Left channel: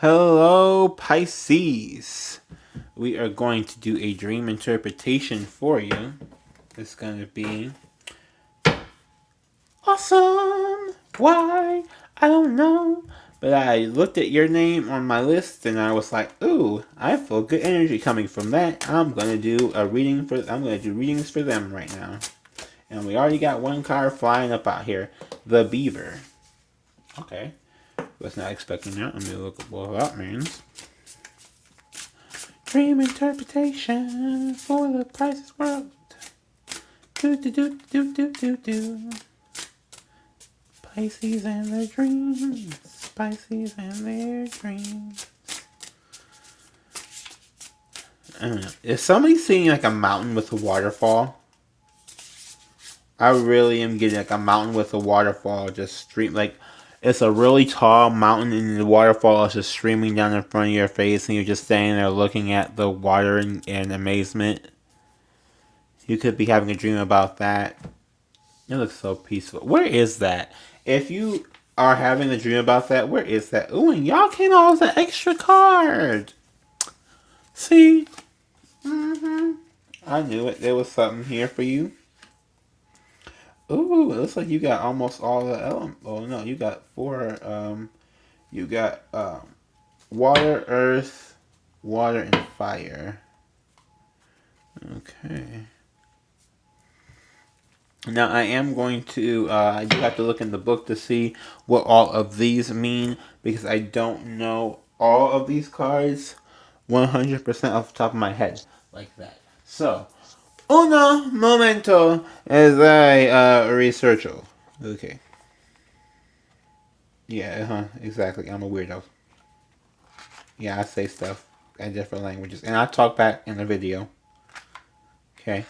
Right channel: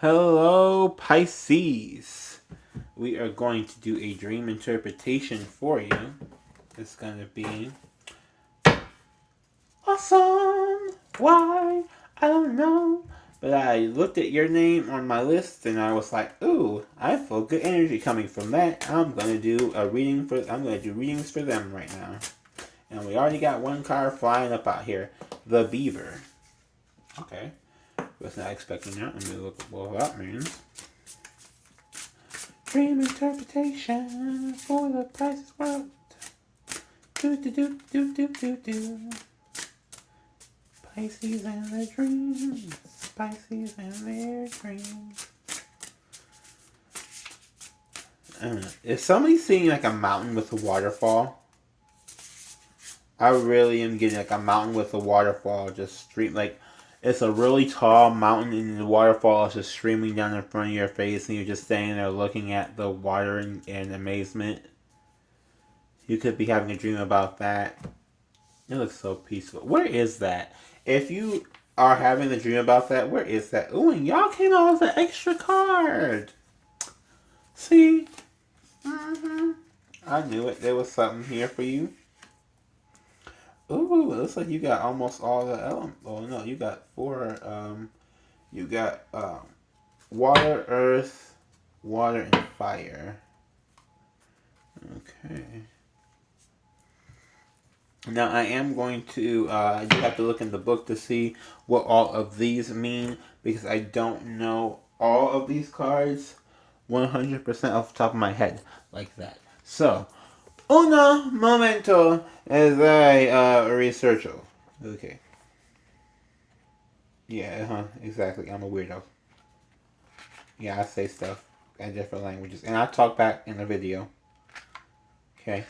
Hello, Pisces. We are going to do a dream interpretation for you. It's going to be awesome. Why? I don't know. But I looked at your name on my list and I was like, ooh, I feel good energy coming from that. I'm going to do readings for them right now. And we already got one card flying up out here. The Beaver. Okay. Was not expecting that. Let me look at what that means. Dream interpretation for the Pisces world. Do do do do do do do. Pisces and their dreams. Pisces and their dreams. Is somebody seeing like a mountain with a waterfall? I really am getting like a mountain with a waterfall just stream like it's a really tall mountain and the waterfall is just streaming down in front of your face and you're just standing there looking at the water in amazement. You could be having a dream about that. It looks so peaceful. Where is that? If you are having a dream about that, where is that? Ooh, and y'all came out with an extra card. See? I knew it. There was something here for you. Ooh, it looks like you got almost all the elements. Oh no, you got four. You got water, earth, water, and fire. Okay. Now I am going to. You have to look in the book to see what all of these mean because I don't know all of these cards 100% off the top of my head like that. So. Uno momento as I research. Okay. Yeah, exactly. I'm a weirdo. Yeah, I say stuff in different languages. And I talk back in the video. Okay.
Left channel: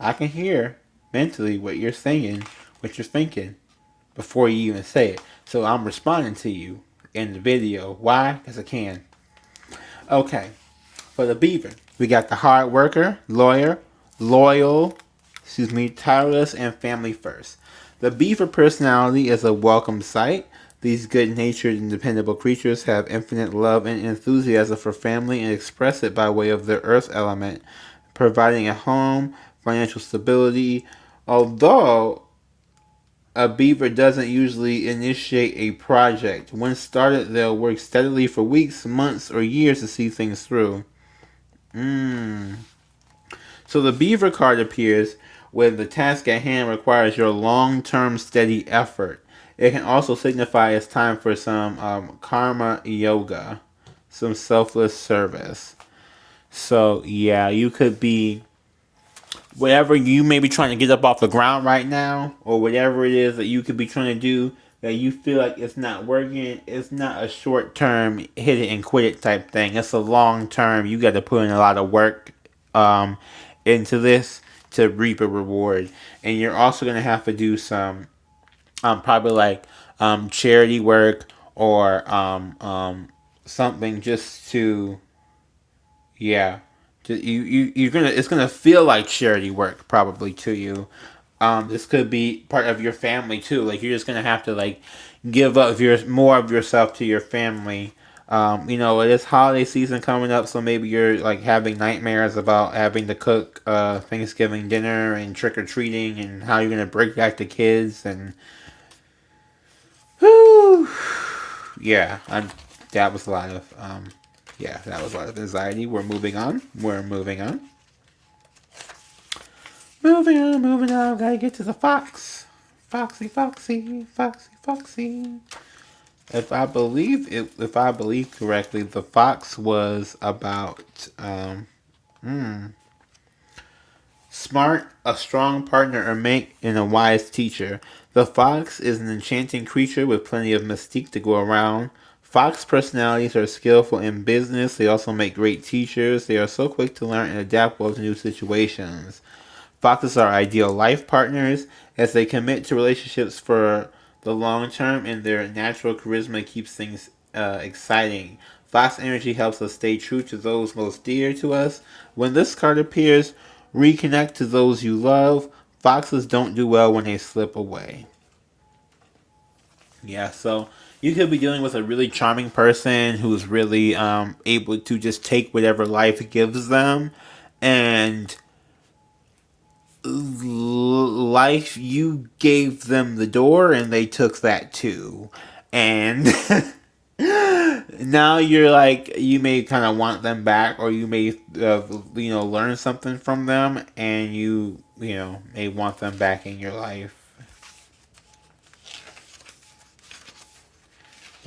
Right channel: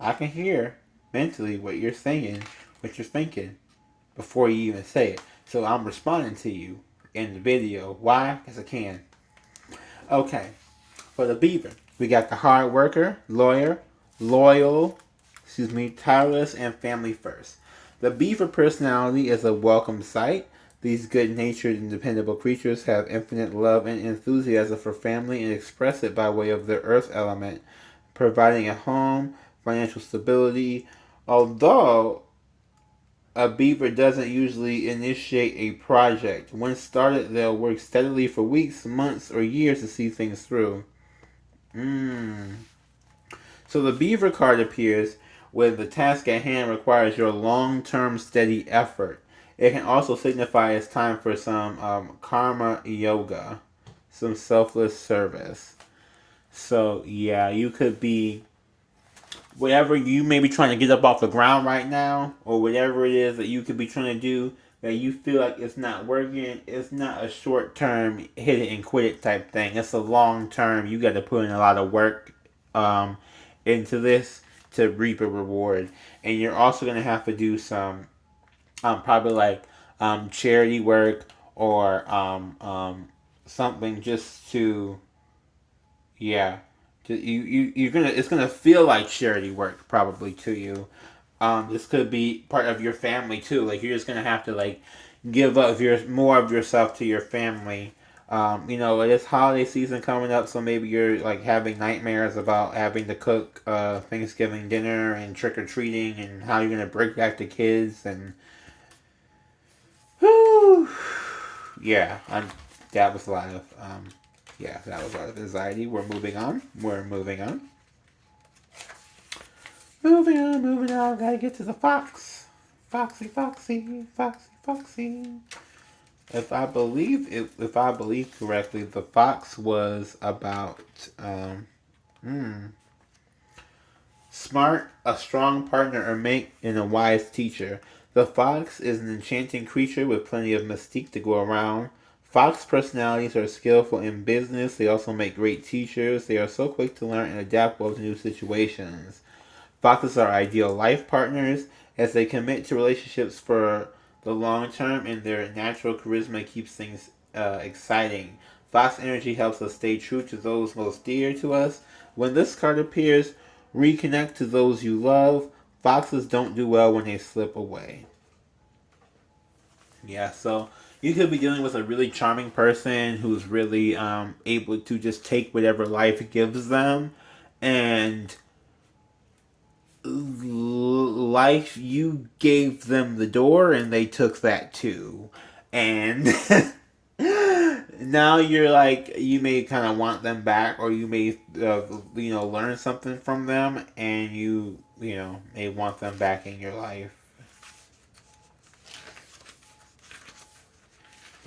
I can hear mentally what you're saying, what you're thinking, before you even say it. So I'm responding to you in the video. Why? Because I can. Okay. For the Beaver, we got the hard worker, lawyer, loyal, Taurus, and family first. The Beaver personality is a welcome sight. These good-natured and dependable creatures have infinite love and enthusiasm for family and express it by way of their earth element, providing a home, financial stability. Although a beaver doesn't usually initiate a project, once started, they'll work steadily for weeks, months, or years to see things through. So the Beaver card appears when the task at hand requires your long-term steady effort. It can also signify it's time for some karma yoga, some selfless service. So yeah, you could be whatever you may be trying to get up off the ground right now, or whatever it is that you could be trying to do that you feel like it's not working. It's not a short term hit it and quit it type thing. It's a long term. You got to put in a lot of work into this to reap a reward, and you're also gonna have to do some probably like charity work or something just to yeah you're gonna it's gonna feel like charity work probably to you. This could be part of your family too. Like you're just gonna have to like give up your more of yourself to your family. It is holiday season coming up, so maybe you're like having nightmares about having to cook Thanksgiving dinner and trick or treating and how you're gonna break back the kids and whew, yeah, that was a lot of that was a lot of anxiety. We're moving on. Moving on. Gotta get to the fox. Foxy, foxy, foxy, foxy. If I believe correctly, the fox was about smart, a strong partner or mate, and a wise teacher. The fox is an enchanting creature with plenty of mystique to go around. Fox personalities are skillful in business. They also make great teachers. They are so quick to learn and adapt well to new situations. Foxes are ideal life partners as they commit to relationships for the long term, and their natural charisma keeps things exciting. Fox energy helps us stay true to those most dear to us. When this card appears, reconnect to those you love. Foxes don't do well when they slip away. Yeah, so You could be dealing with a really charming person who's really able to just take whatever life gives them, and life, you gave them the door and they took that too, and now you're like, you may kind of want them back, or you may learn something from them, and you may want them back in your life.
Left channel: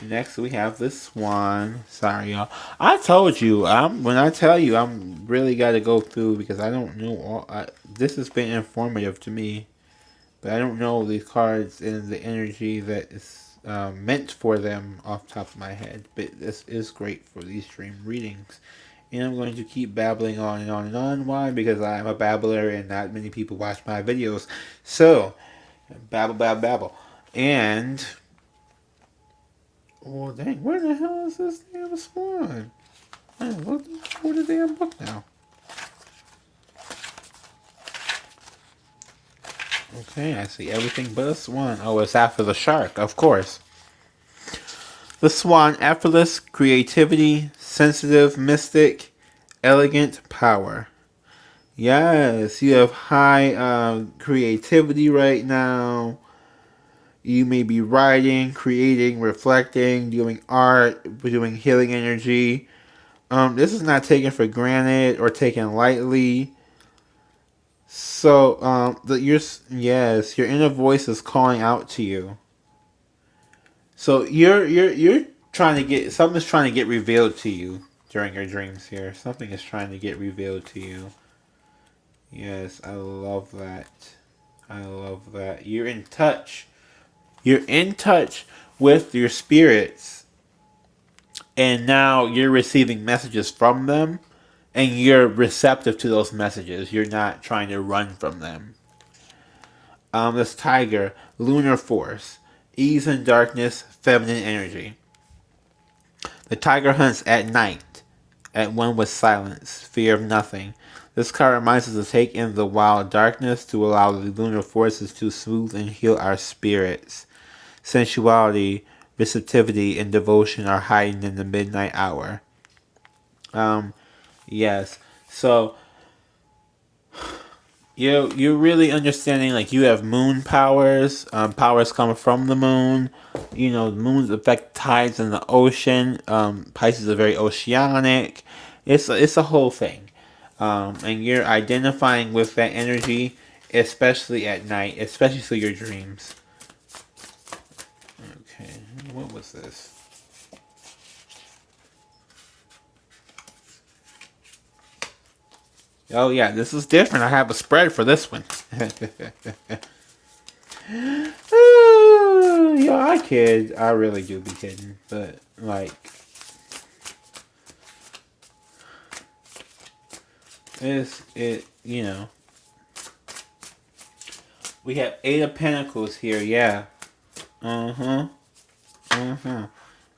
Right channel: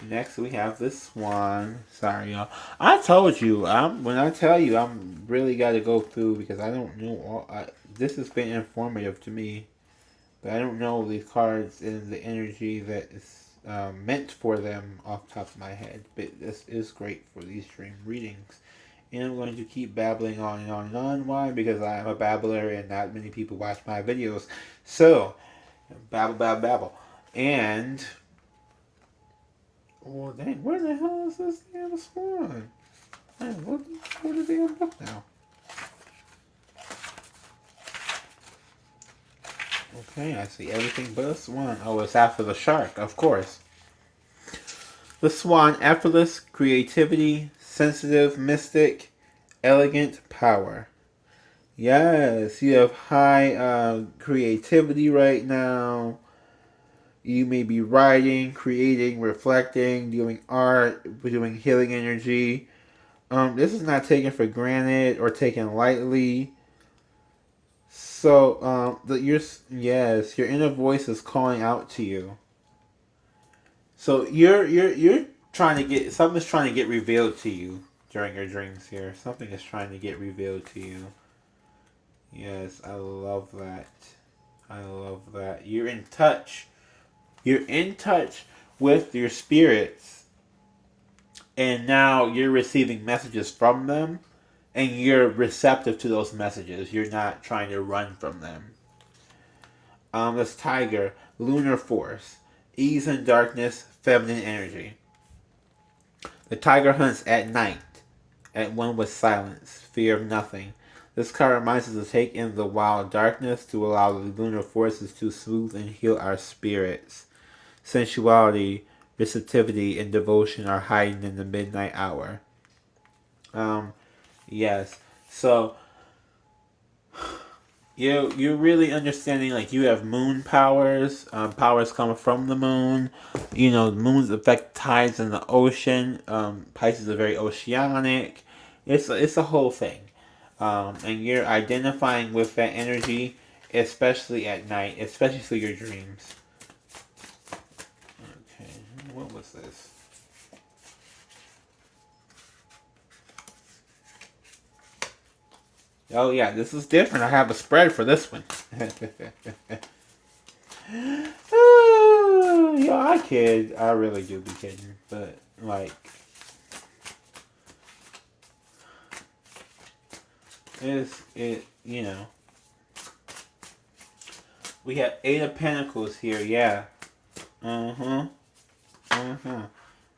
Next, we have this one. Sorry, y'all. I told you, when I tell you, I'm really got to go through, because I don't know this has been informative to me, but I don't know these cards and the energy that is meant for them off the top of my head. But this is great for these dream readings. And I'm going to keep babbling on and on and on. Why? Because I'm a babbler and not many people watch my videos. So, babble, babble, babble. And... oh, dang, where the hell is this damn swan? I'm looking for the damn book now. Okay, I see everything but a swan. Oh, it's after the shark, of course. The swan, effortless, creativity, sensitive, mystic, elegant, power. Yes, you have high creativity right now. You may be writing, creating, reflecting, doing art, doing healing energy. This is not taken for granted or taken lightly. So, your inner voice is calling out to you. So you're trying to get, something's trying to get revealed to you during your dreams here. Something is trying to get revealed to you. Yes, I love that. I love that. You're in touch. You're in touch with your spirits, and now you're receiving messages from them, and you're receptive to those messages. You're not trying to run from them. This tiger, lunar force, ease and darkness, feminine energy. The tiger hunts at night, at one with silence, fear of nothing. This card reminds us to take in the wild darkness to allow the lunar forces to soothe and heal our spirits. Sensuality, receptivity, and devotion are heightened in the midnight hour. Yes. So you're really understanding, like, you have moon powers. Powers come from the moon. The moons affect tides in the ocean. Pisces are very oceanic. It's a whole thing. And you're identifying with that energy, especially at night, especially through your dreams. Okay, what was this? Oh yeah, this is different. I have a spread for this one. I kid. I really do be kidding. But, like, we have Eight of Pentacles here, yeah.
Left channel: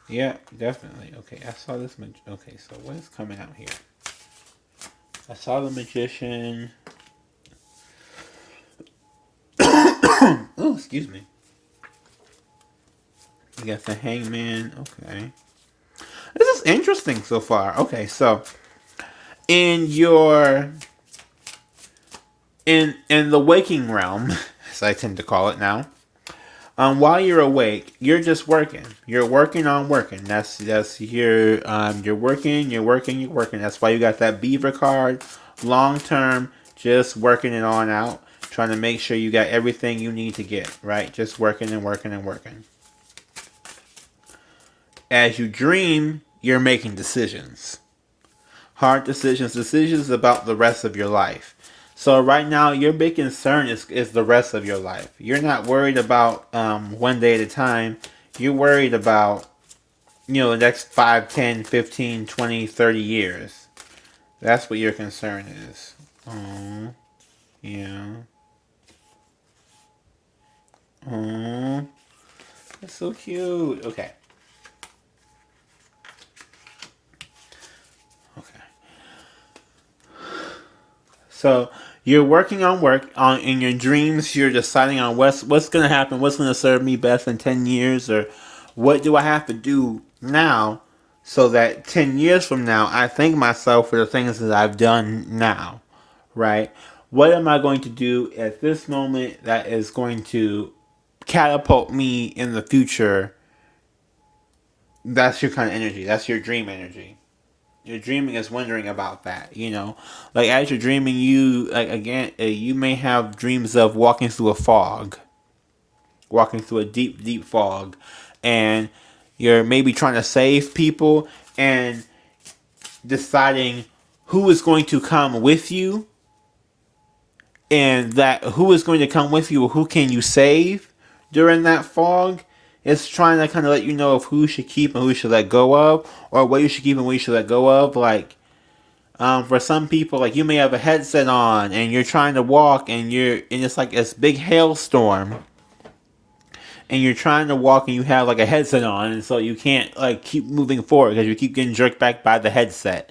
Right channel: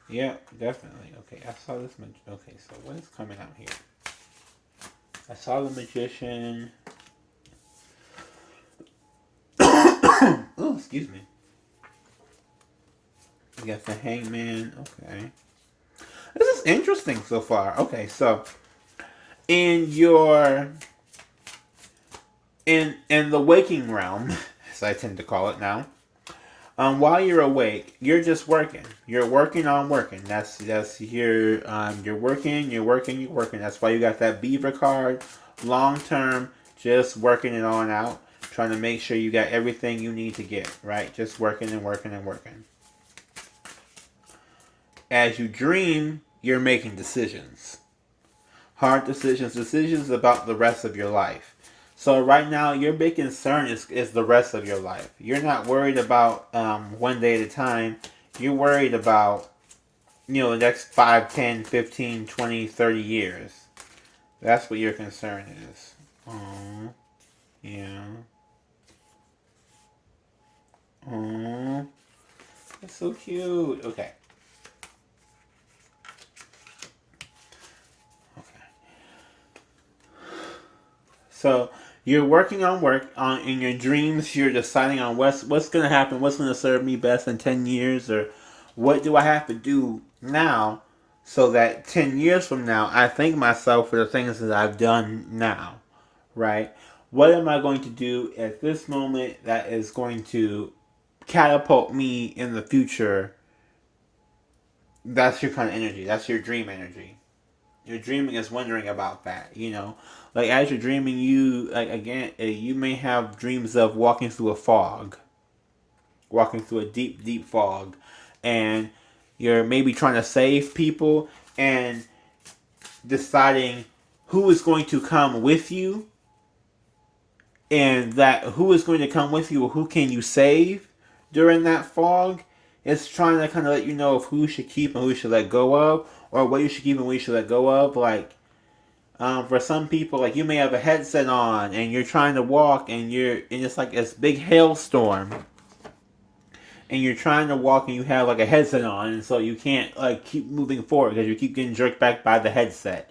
Yeah, definitely. Okay, I saw this. Okay, so what is coming out here? I saw the Magician. Oh, excuse me. We got the Hangman. Okay. This is interesting so far. Okay, so in the waking realm, as I tend to call it now, while you're awake, you're just working. You're working on working. That's you're working. That's why you got that Beaver card. Long term, just working it on out. Trying to make sure you got everything you need to get, right? Just working and working and working. As you dream, you're making decisions. Hard decisions about the rest of your life. So right now, your big concern is the rest of your life. You're not worried about one day at a time. You're worried about, the next 5, 10, 15, 20, 30 years. That's what your concern is. Oh, yeah. Oh, that's so cute. Okay. So you're working on in your dreams. You're deciding on what's going to happen, what's going to serve me best in 10 years, or what do I have to do now so that 10 years from now I thank myself for the things that I've done now, right? What am I going to do at this moment that is going to catapult me in the future? That's your kind of energy. That's your dream energy. Your dreaming is wondering about that, you know. Like as you're dreaming, you like again, you may have dreams of walking through a fog, walking through a deep, deep fog, and you're maybe trying to save people and deciding who is going to come with you, and that who is going to come with you, or who can you save during that fog. It's trying to kind of let you know of who you should keep and who you should let go of, or what you should keep and what you should let go of. Like, for some people, like you may have a headset on and you're trying to walk and it's like this big hailstorm, and you're trying to walk and you have like a headset on, and so you can't like keep moving forward because you keep getting jerked back by the headset.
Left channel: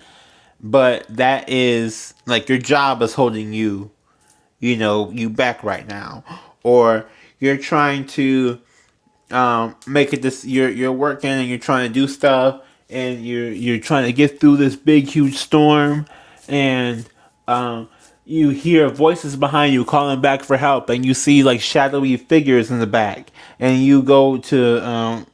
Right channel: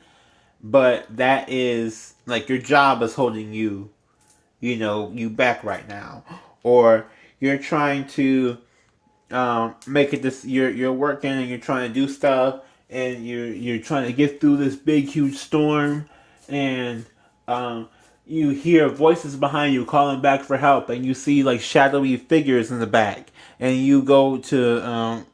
But that is like your job is holding you, you back right now, or you're trying to make it this. You're working and you're trying to do stuff, and you're trying to get through this big huge storm, and you hear voices behind you calling back for help, and you see like shadowy figures in the back, and you go to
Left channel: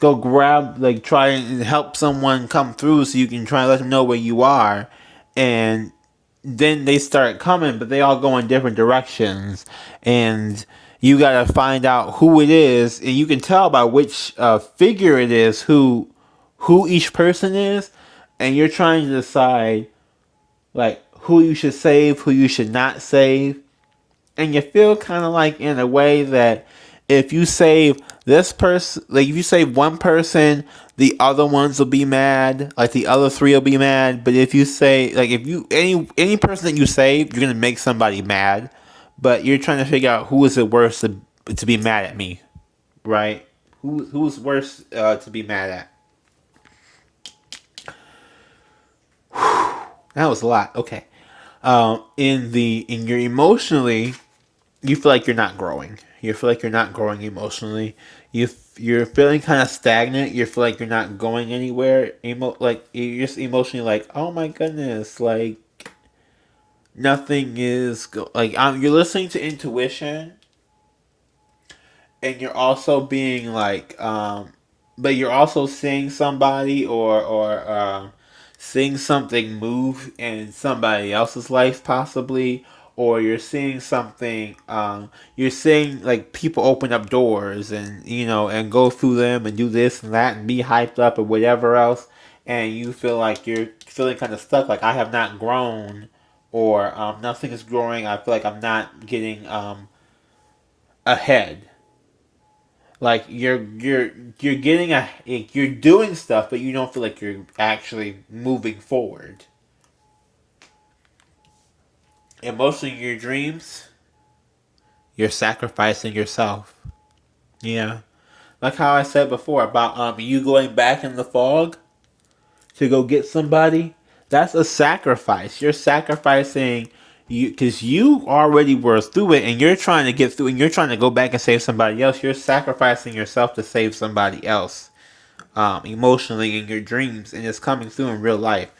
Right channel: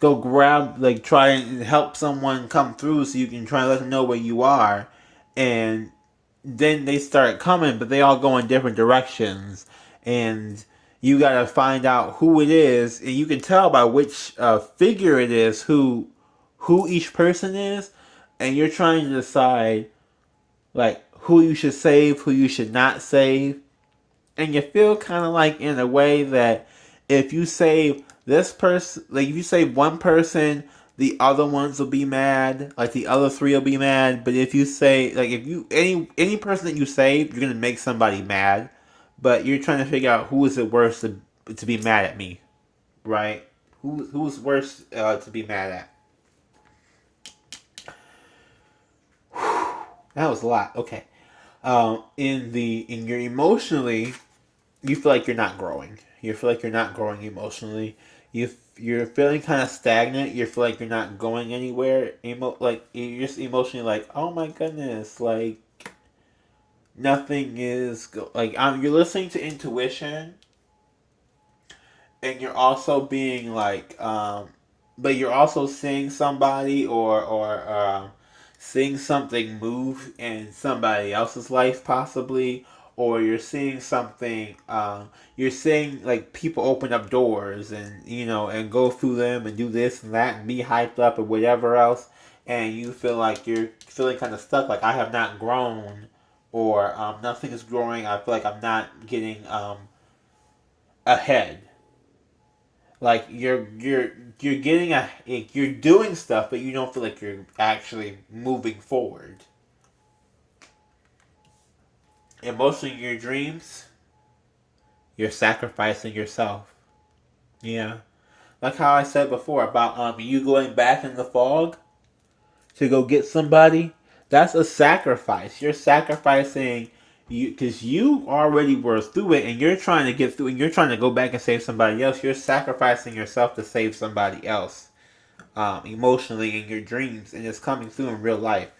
go grab, like try and help someone come through so you can try and let them know where you are, and then they start coming, but they all go in different directions, and you gotta find out who it is, and you can tell by which figure it is who each person is, and you're trying to decide like who you should save, who you should not save, and you feel kind of like in a way that if you save this person, like if you save one person, the other ones will be mad, like the other three will be mad. But if you say, like, if you any person that you save, you're gonna make somebody mad. But you're trying to figure out who is it worse to be mad at me, right? Who's worse to be mad at? That was a lot. Okay. In your emotionally, you feel like you're not growing. You feel like you're not growing emotionally. You're feeling kind of stagnant. You feel like you're not going anywhere. Like you're just emotionally like, oh my goodness, like nothing is like you're listening to intuition, and you're also being like but you're also seeing somebody or seeing something move in somebody else's life possibly, or you're seeing something you're seeing like people open up doors and and go through them and do this and that and be hyped up or whatever else, and you feel like you're feeling kind of stuck, like I have not grown, or nothing is growing. I feel like I'm not getting ahead. Like you're getting you're doing stuff, but you don't feel like you're actually moving forward. And most of your dreams, you're sacrificing yourself. Yeah, like how I said before about you going back in the fog to go get somebody. That's a sacrifice. You're sacrificing you because you already were through it, and you're trying to get through, and you're trying to go back and save somebody else. You're sacrificing yourself to save somebody else, emotionally in your dreams, and it's coming through in real life.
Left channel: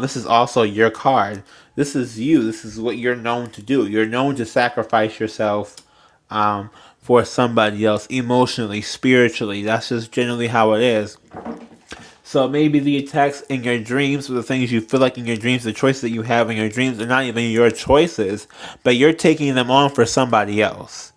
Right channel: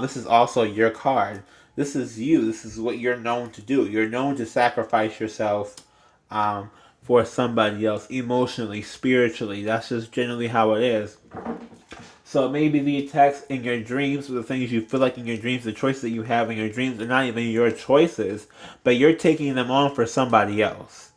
This is also your card. This is you. This is what you're known to do. You're known to sacrifice yourself for somebody else emotionally, spiritually. That's just generally how it is. So maybe the attacks in your dreams, or the things you feel like in your dreams, the choices that you have in your dreams are not even your choices, but you're taking them on for somebody else.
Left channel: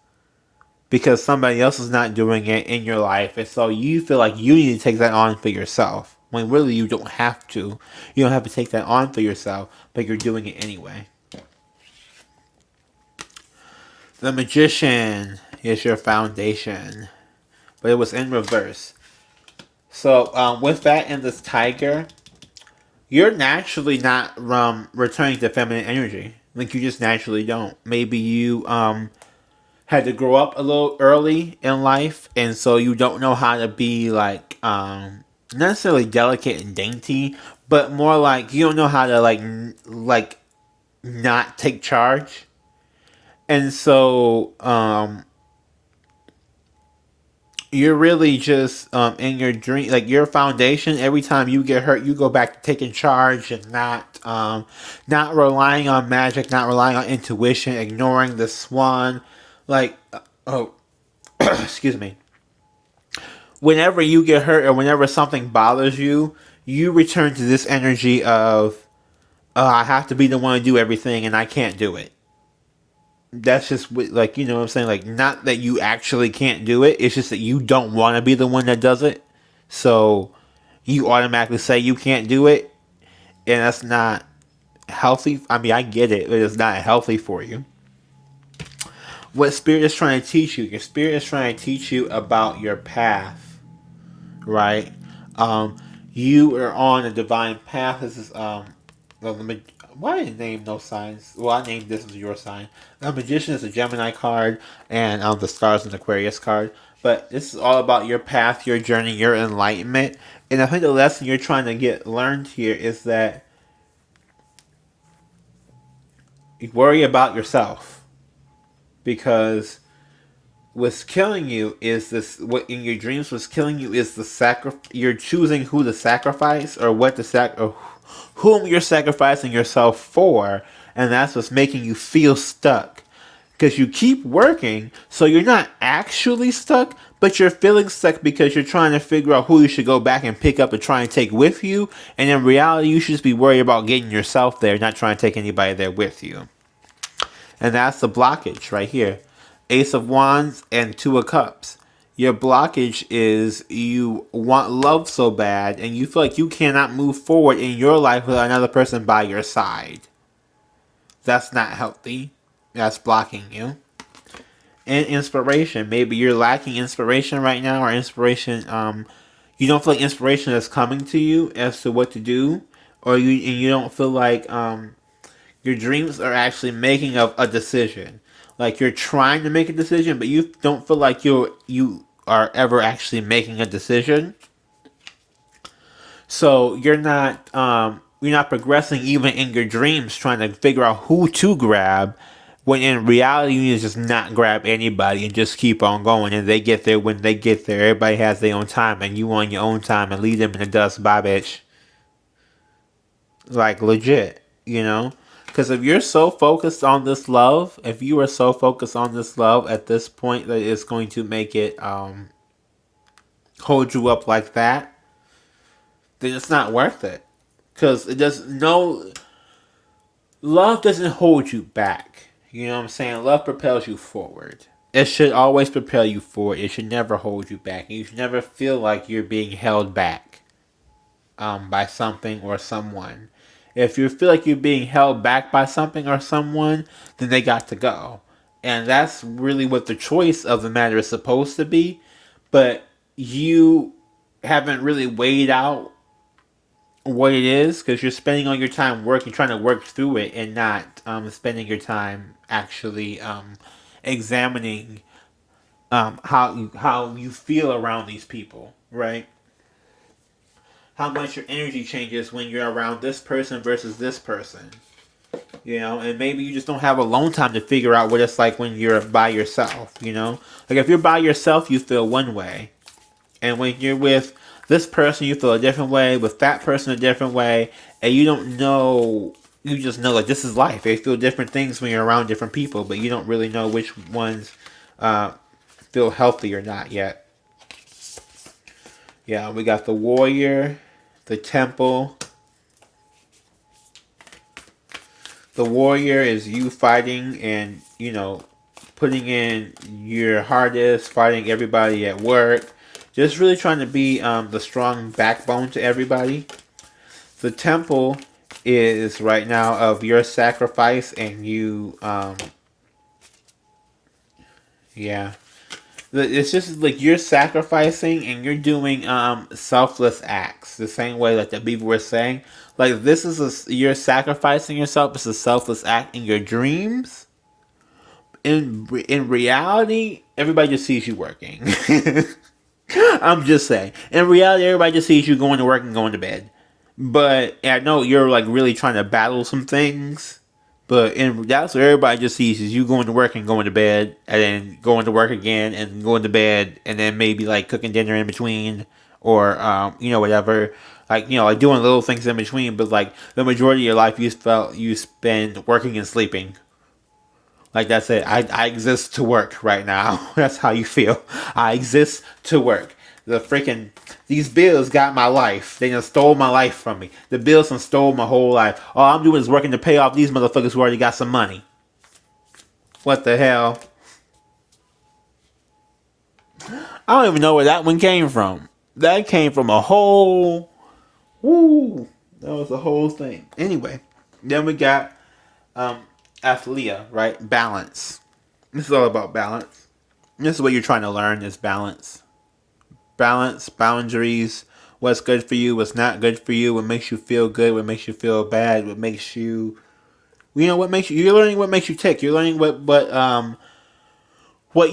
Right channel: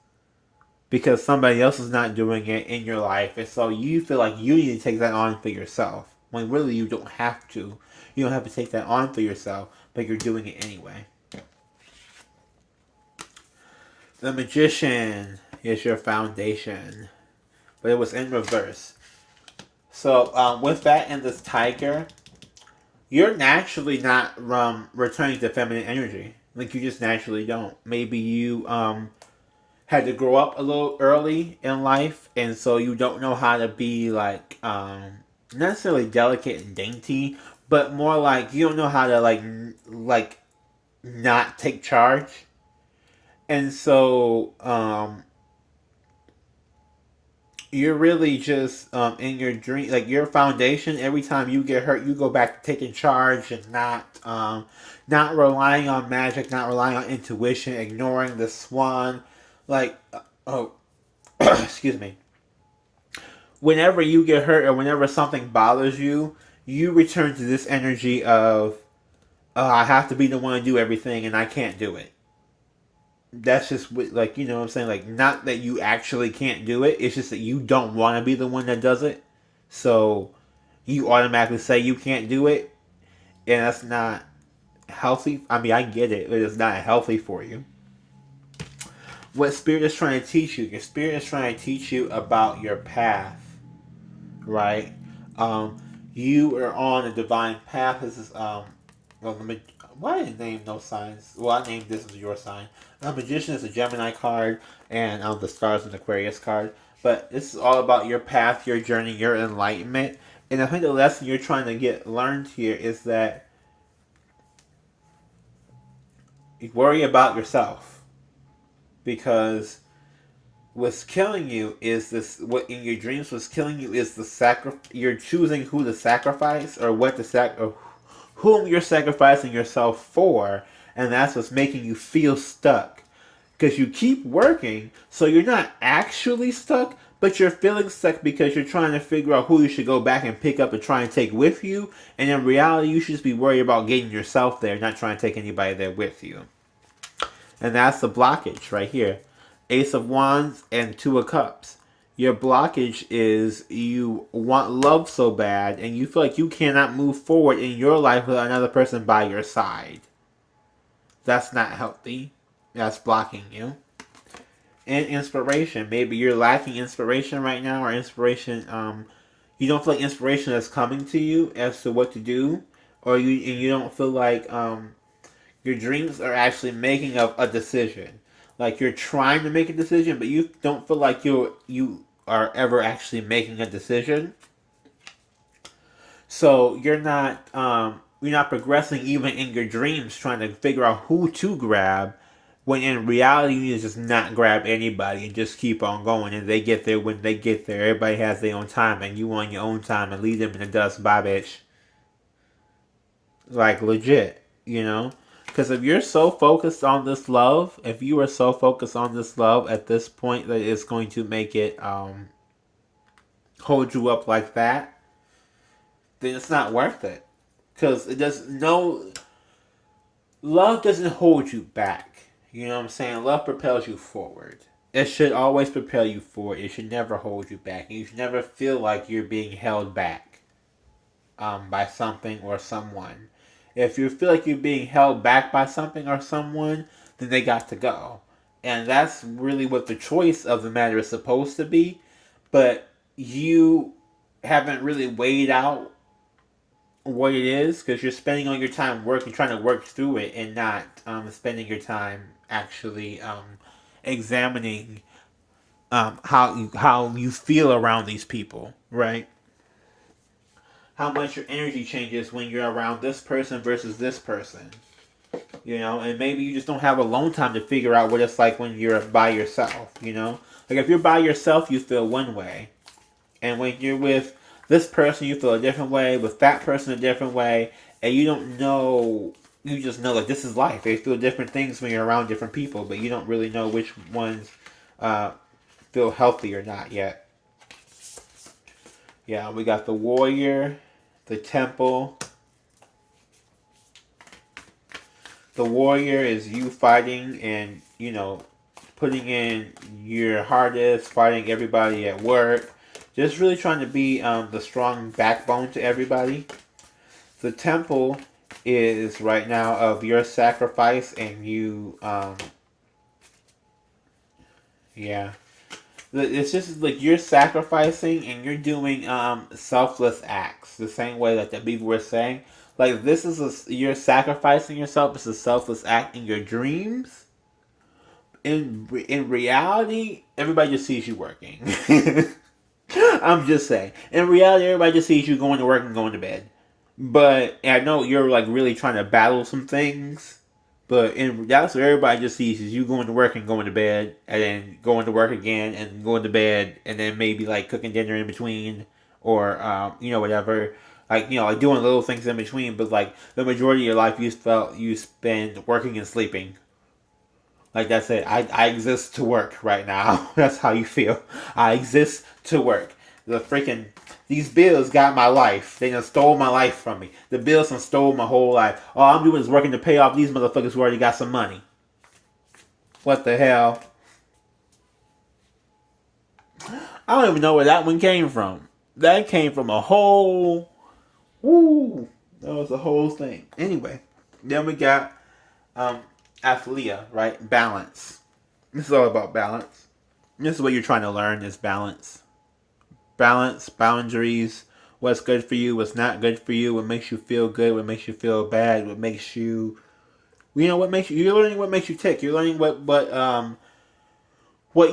Because somebody else is not doing it in your life, and so you feel like you need to take that on for yourself. When really you don't have to. You don't have to take that on for yourself, but you're doing it anyway. The Magician is your foundation, but it was in reverse. So with that and this tiger, you're naturally not returning to feminine energy. Like you just naturally don't. Maybe you had to grow up a little early in life, and so you don't know how to be like not necessarily delicate and dainty, but more like you don't know how to like not take charge, and so you're really just in your dream, like your foundation. Every time you get hurt, you go back to taking charge and not relying on magic, not relying on intuition, ignoring the swan. Like, oh, excuse me. Whenever you get hurt or whenever something bothers you, you return to this energy of, I have to be the one to do everything and I can't do it. That's just like, you know what I'm saying? Like, not that you actually can't do it, it's just that you don't want to be the one that does it. So you automatically say you can't do it, and that's not healthy. I mean, I get it, but it's not healthy for you. What spirit is trying to teach you? Your spirit is trying to teach you about your path, right? You are on a divine path. This is why did I name no signs? Well, I named this as your sign. The Magician is a Gemini card, and the Stars is an Aquarius card. But this is all about your path, your journey, your enlightenment. And I think the lesson you're trying to get learned here is that you worry about yourself, because what's killing you is this. What in your dreams was killing you is the sacrifice. You're choosing who to sacrifice or what to or whom you're sacrificing yourself for, and that's what's making you feel stuck. Because you keep working, so you're not actually stuck, but you're feeling stuck because you're trying to figure out who you should go back and pick up and try and take with you. And in reality, you should just be worried about getting yourself there, not trying to take anybody there with you. And that's the blockage right here. Ace of Wands and Two of Cups. Your blockage is you want love so bad and you feel like you cannot move forward in your life without another person by your side. That's not healthy. That's blocking you. And inspiration. Maybe you're lacking inspiration right now, or inspiration, you don't feel like inspiration is coming to you as to what to do, or you don't feel like your dreams are actually making a decision. Like you're trying to make a decision, but you don't feel like you are ever actually making a decision. So you're not progressing even in your dreams, trying to figure out who to grab. When in reality, you need to just not grab anybody and just keep on going. And they get there when they get there. Everybody has their own time, and you on your own time, and leave them in the dust. Bye, bitch. Like legit, you know. Because if you're so focused on this love, if you are so focused on this love at this point that it's going to make it hold you up like that, then it's not worth it. Because it does no love doesn't hold you back. You know what I'm saying? Love propels you forward. It should always propel you forward. It should never hold you back. You should never feel like you're being held back by something or someone. If you feel like you're being held back by something or someone, then they got to go. And that's really what the choice of the matter is supposed to be. But you haven't really weighed out what it is, because you're spending all your time working, trying to work through it, and not spending your time actually examining how you feel around these people, right? How much your energy changes when you're around this person versus this person, you know? And maybe you just don't have alone time to figure out what it's like when you're by yourself, you know? Like if you're by yourself, you feel one way, and when you're with this person, you feel a different way. With that person, a different way. And you don't know. You just know, like, this is life. They feel different things when you're around different people. But you don't really know which ones feel healthy or not yet. Yeah, we got the Warrior, the Temple. The Warrior is you fighting and, you know, putting in your hardest, fighting everybody at work. Just really trying to be the strong backbone to everybody. The Temple is right now of your sacrifice and you, yeah. It's just like you're sacrificing and you're doing selfless acts. The same way that the people were saying. Like this is you're sacrificing yourself. It's a selfless act in your dreams. In reality, everybody just sees you working. I'm just saying. In reality, everybody just sees you going to work and going to bed. But I know you're like really trying to battle some things. But that's what everybody just sees is you going to work and going to bed, and then going to work again and going to bed, and then maybe like cooking dinner in between, or whatever, like doing little things in between. But like the majority of your life, you spend working and sleeping. Like that's it. I exist to work right now. That's how you feel. I exist to work. These bills got my life. They just stole my life from me. The bills done stole my whole life. All I'm doing is working to pay off these motherfuckers who already got some money. What the hell? I don't even know where that one came from. That came from a whole. Woo! That was the whole thing. Anyway, then we got Athlea, right? Balance. This is all about balance. This is what you're trying to learn is balance. Balance, boundaries, what's good for you, what's not good for you, what makes you feel good, what makes you feel bad, what makes you you're learning what makes you tick. You're learning what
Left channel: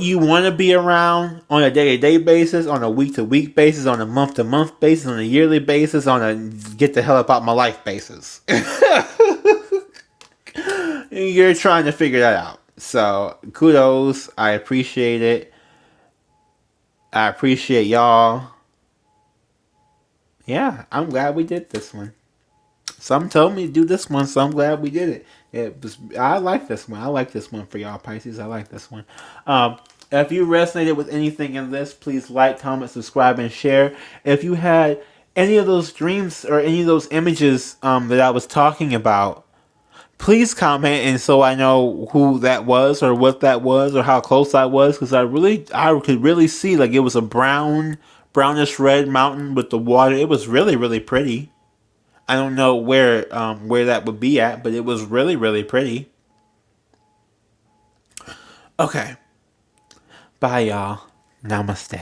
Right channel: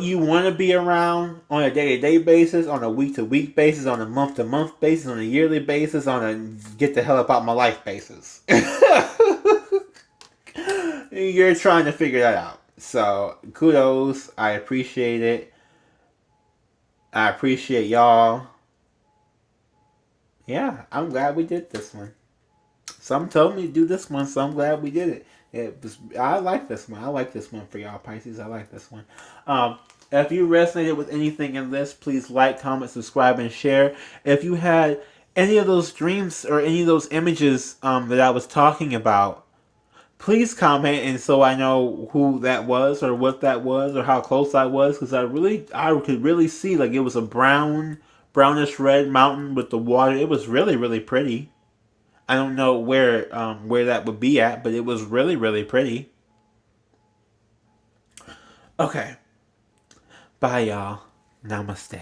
you want to be around on a day-to-day basis, on a week-to-week basis, on a month-to-month basis, on a yearly basis, on a get the hell up out my life basis. You're trying to figure that out. So, kudos. I appreciate it. I appreciate y'all. Yeah, I'm glad we did this one. Some told me to do this one, so I'm glad we did it. I like this one. I like this one for y'all, Pisces. I like this one. If you resonated with anything in this, please like, comment, subscribe, and share. If you had any of those dreams or any of those images that I was talking about, please comment, and so I know who that was or what that was or how close I was, because I could really see like it was a brownish red mountain with the water. It was really, really pretty. I don't know where that would be at, but it was really, really pretty. Okay. Bye, y'all. Namaste.